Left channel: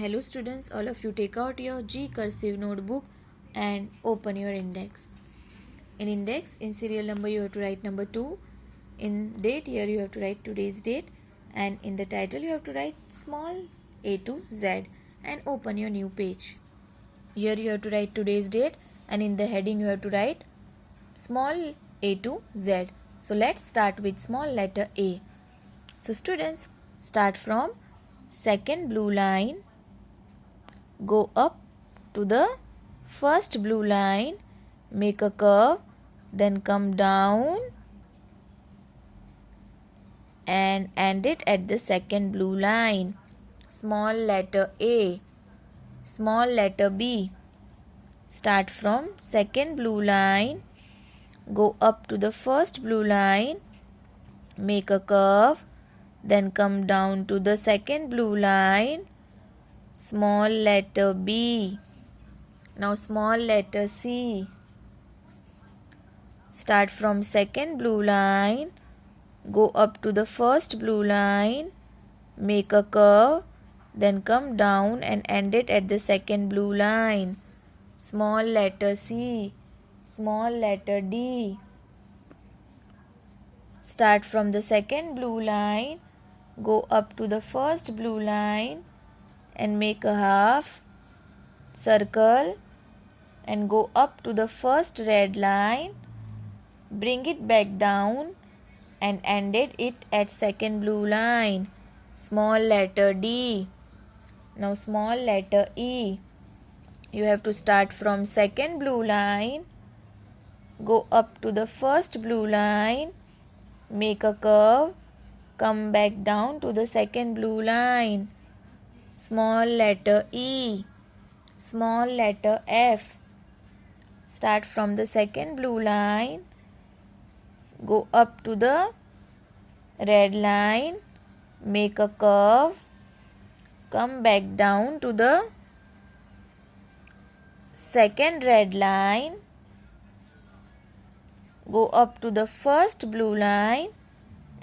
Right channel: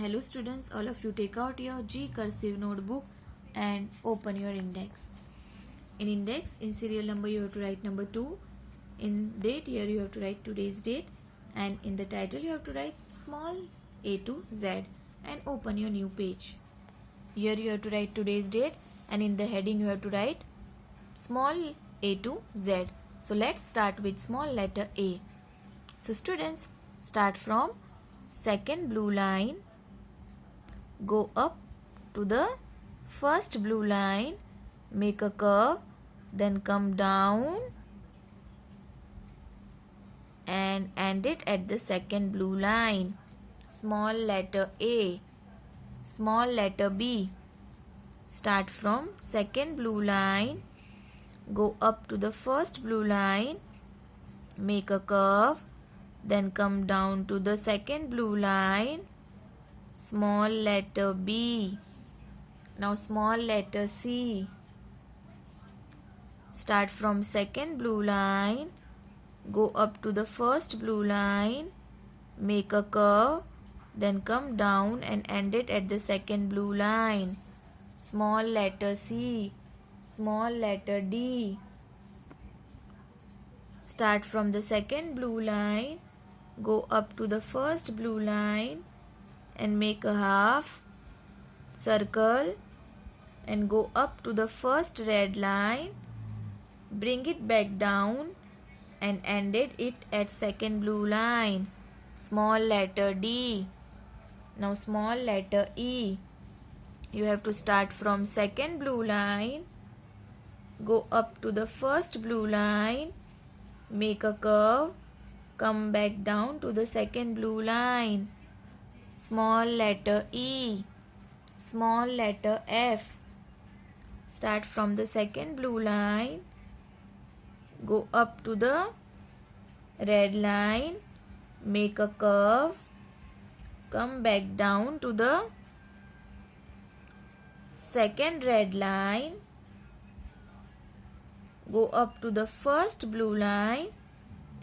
Hello students, all of you take out your G cursive notebook and open your index. In index, in serial number you have to write number 2. In date here you have to write today's date, and in the title you have to write small a to z and open your new page. Here you have to write today's date, and in the heading you have to write small a to z. So let's start with small letter A. So students, start from second blue line, go up to the first blue line, make a curve, then come down and end it at the second blue line. Small letter A. Small letter B. Start from second blue line, go up to the first blue line, make a curve, then come down to the second blue line. Small letter B. Now small letter C. Start from second blue line, go up to the first blue line, make a curve, then come down and end it at the second blue line. Small letter C. Small letter D. Start from the second blue line, go up to the first blue line and make a half circle and go up to the first red line, bring it back down and ended it at second blue line. Small letter D. Now small letter E. You have to start from second blue line, go up to the first blue line, make a curve, come back down to the second blue line. Small letter E. Small letter F. Start from the second blue line, go up to the red line, make a curve, come back down to the second red line, go up to the first blue line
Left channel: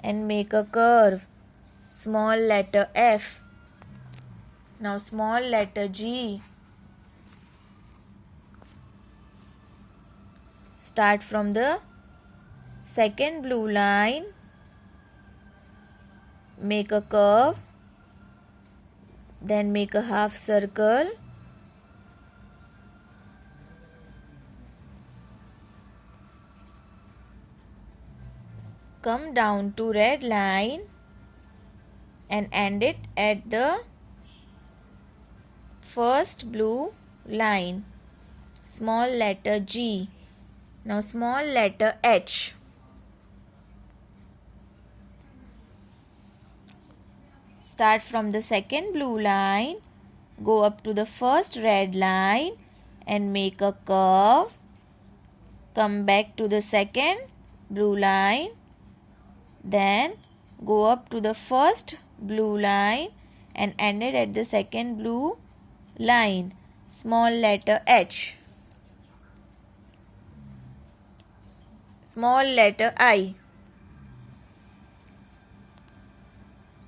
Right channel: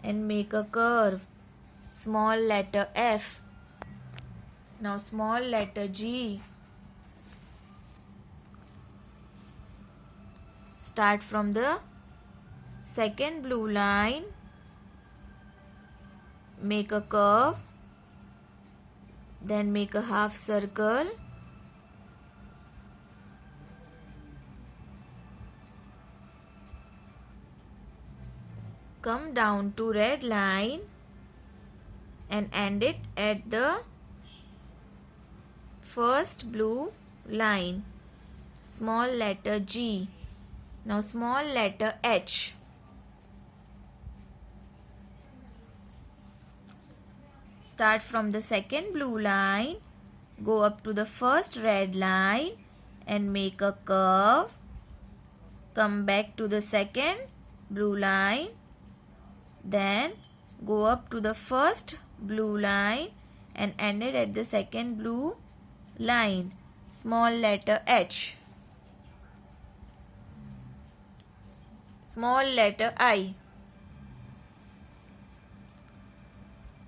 and make a curve. Small letter F. Now small letter G. Start from the second blue line, make a curve, then make a half circle, come down to red line and end it at the first blue line. Small letter G. Now small letter H. Start from the second blue line, go up to the first red line and make a curve, come back to the second blue line, then go up to the first blue line and end it at the second blue line. Small letter H. Small letter I.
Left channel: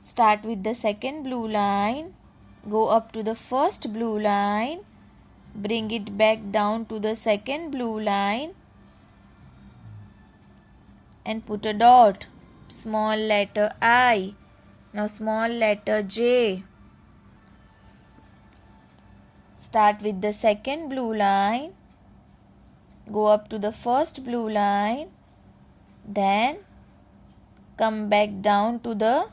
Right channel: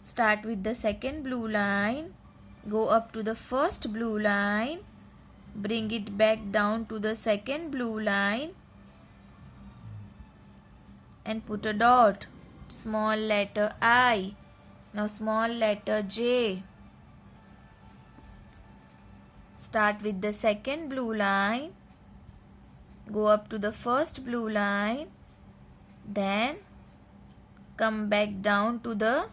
Start with the second blue line, go up to the first blue line, bring it back down to the second blue line and put a dot. Small letter I. Now small letter J. Start with the second blue line, go up to the first blue line, then come back down to the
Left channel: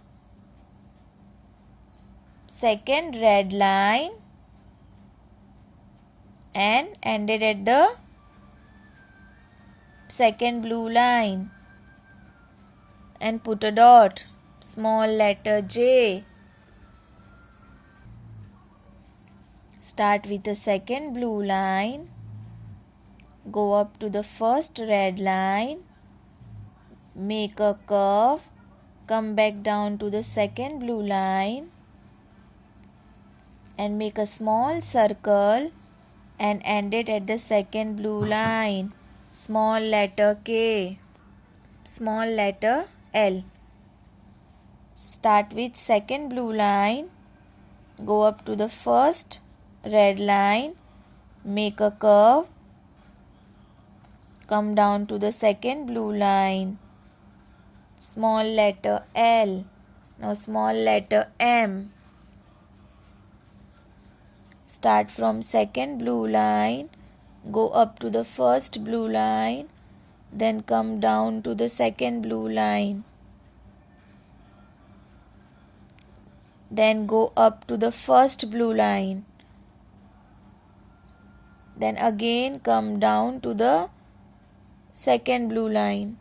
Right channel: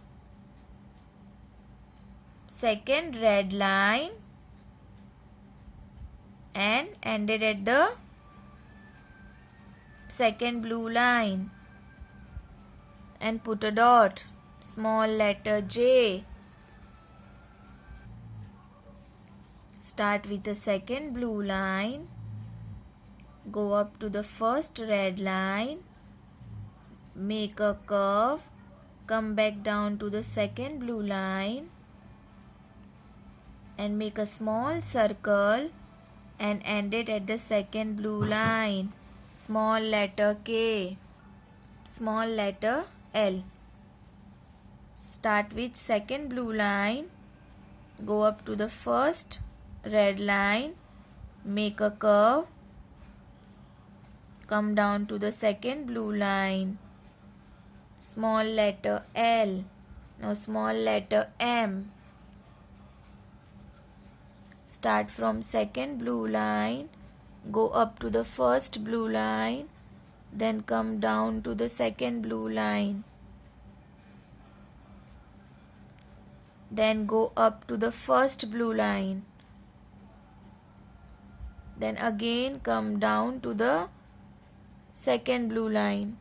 second red line and ended at the second blue line and put a dot. Small letter J. Start with the second blue line, go up to the first red line, make a curve, come back down to the second blue line and make a small circle and end it at the second blue line. Small letter K. Small letter L. Start with second blue line, go up to the first red line, make a curve, come down to the second blue line, small letter L, now small letter M. Start from second blue line, go up to the first blue line, then come down to the second blue line. Then go up to the first blue line. Then again come down to the second blue line.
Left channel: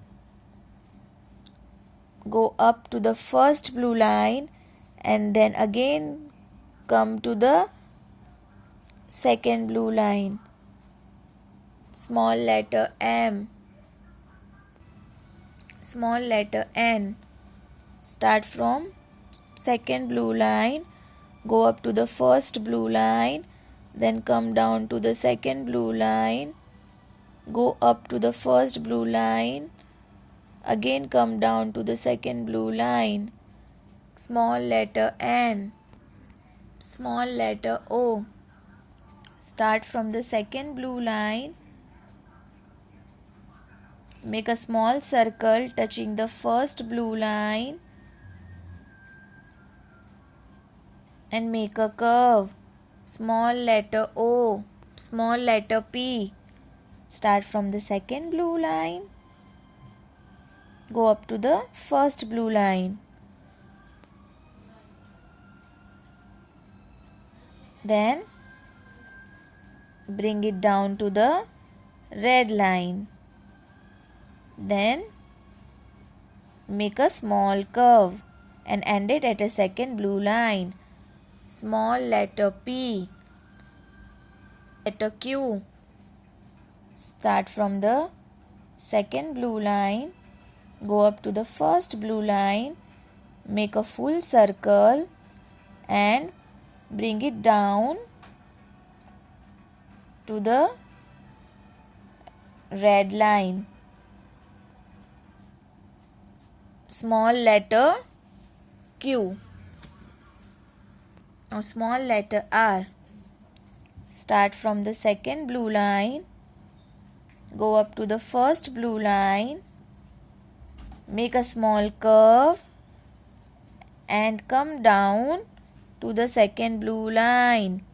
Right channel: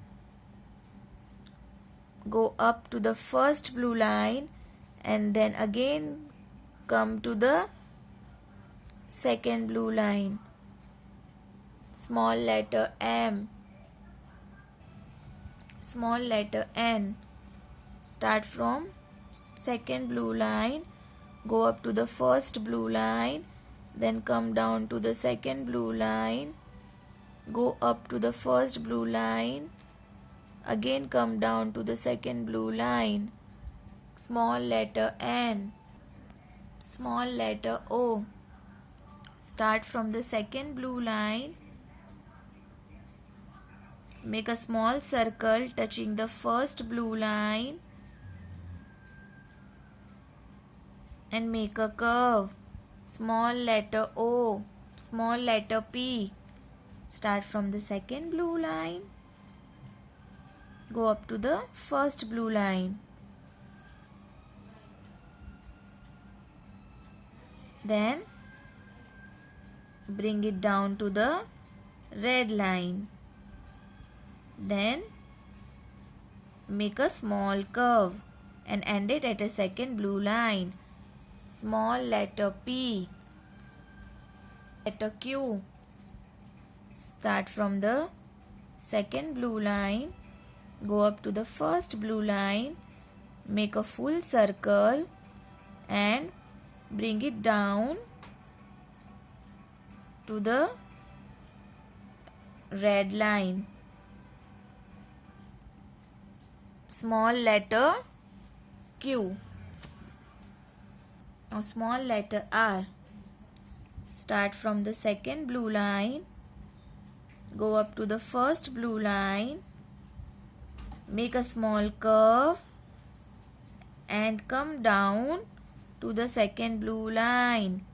Go up to the first blue line and then again come to the second blue line. Small letter M, small letter N. Start from second blue line, go up to the first blue line, then come down to the second blue line, go up to the first blue line, again come down to the second blue line. Small letter N, small letter O. Start from the second blue line, make a small circle touching the first blue line and make a curve. Small letter O, small letter P. Start from the second blue line, go up to the first blue line. Then bring it down to the red line. Then make a small curve and end it at a second blue line. Small letter P, letter Q. Start from the second blue line, go up to the first blue line, make a full circle and bring it down to the red line. Small letter Q. Now small letter R. Start from the second blue line, go up to the first blue line, make a small curve and come down to the second blue line.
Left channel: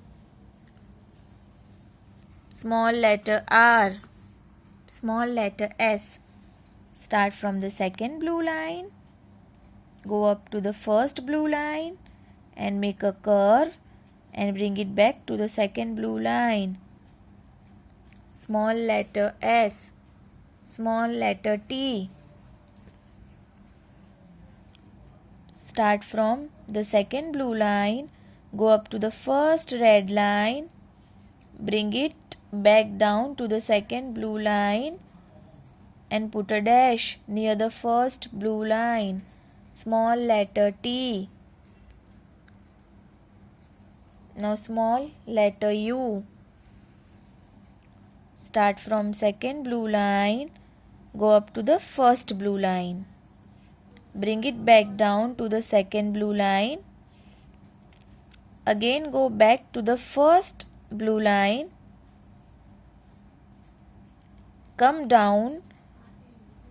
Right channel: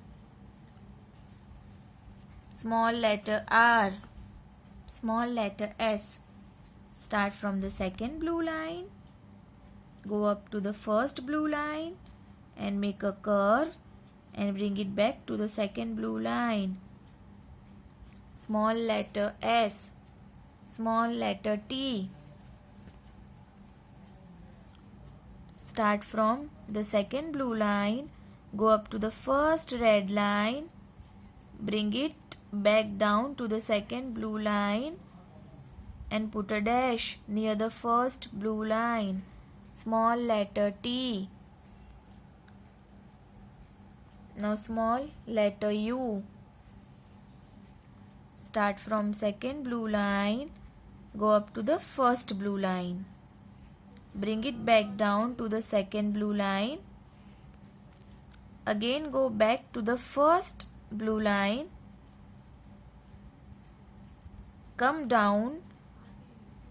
Small letter R, small letter S. Start from the second blue line, go up to the first blue line and make a curve and bring it back to the second blue line. Small letter S, small letter T. Start from the second blue line, go up to the first red line, bring it back down to the second blue line and put a dash near the first blue line. Small letter T. Now small letter U. Start from second blue line, go up to the first blue line. Bring it back down to the second blue line. Again go back to the first blue line. Come down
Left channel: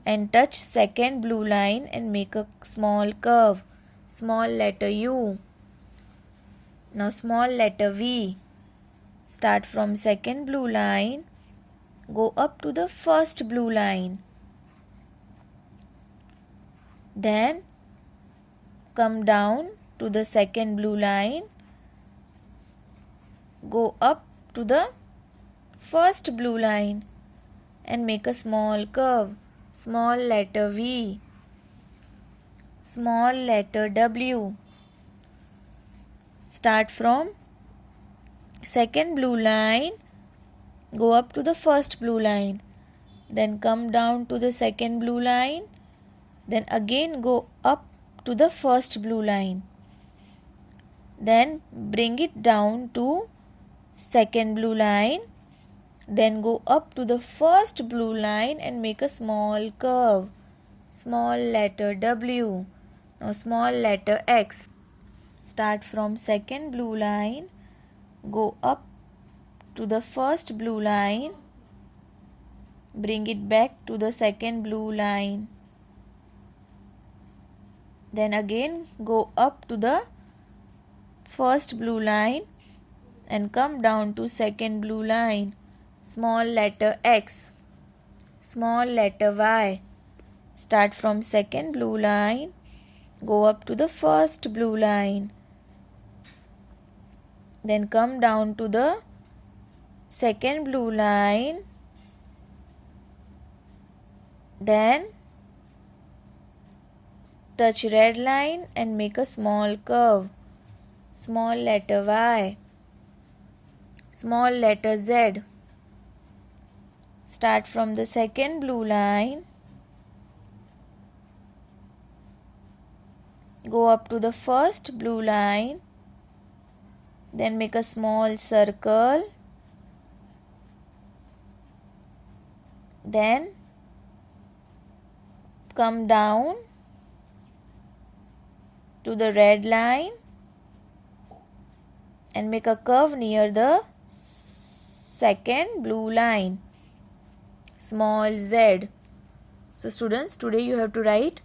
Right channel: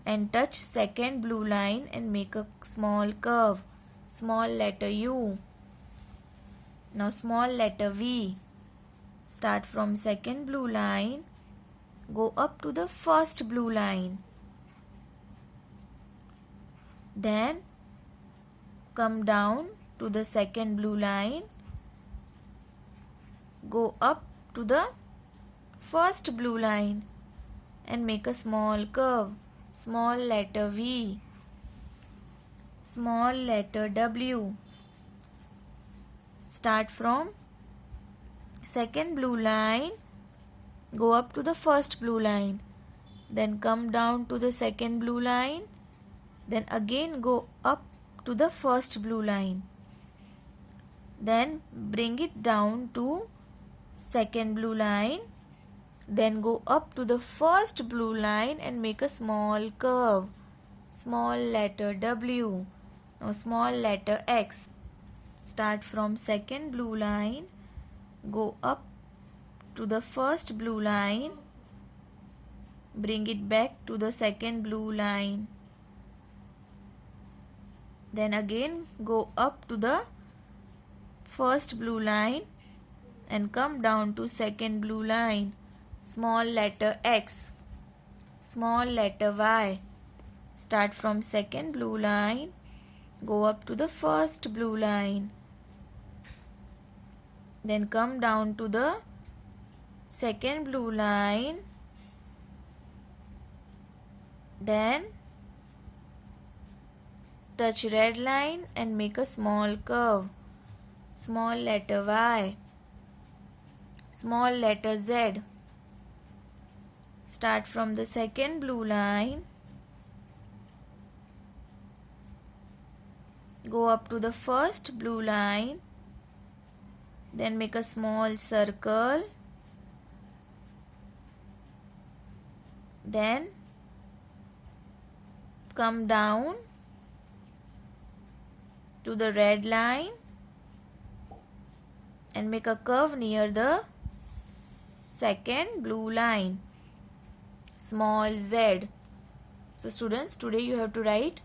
and touch second blue line and make a small curve. Small letter U. Now small letter V. Start from second blue line, go up to the first blue line. Then come down to the second blue line, go up to the first blue line and make a small curve. Small letter V. Small letter W. Start from second blue line, go up to the first blue line, then come down to the second blue line, then again go up to the first blue line, then bring it down to second blue line, then go up to the first blue line and make a small curve. Small letter W. Now small letter X. start from second blue line, go up to the first blue line, bring it back to the second blue line, then again go up to the first blue line and come down to second blue line. Small letter X, small letter Y. Start from second blue line, go up to the first blue line, then come down to the second blue line, then touch red line and make a small curve. Small letter Y, small letter Z. Start from the second blue line, go up to the first blue line, then make a small circle, then come down to the red line and make a curve near the second blue line. Small Z. So students, today you have to write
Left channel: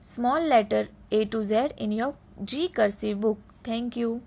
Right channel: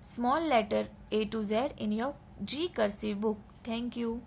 small letter A to Z in your G cursive book. Thank you.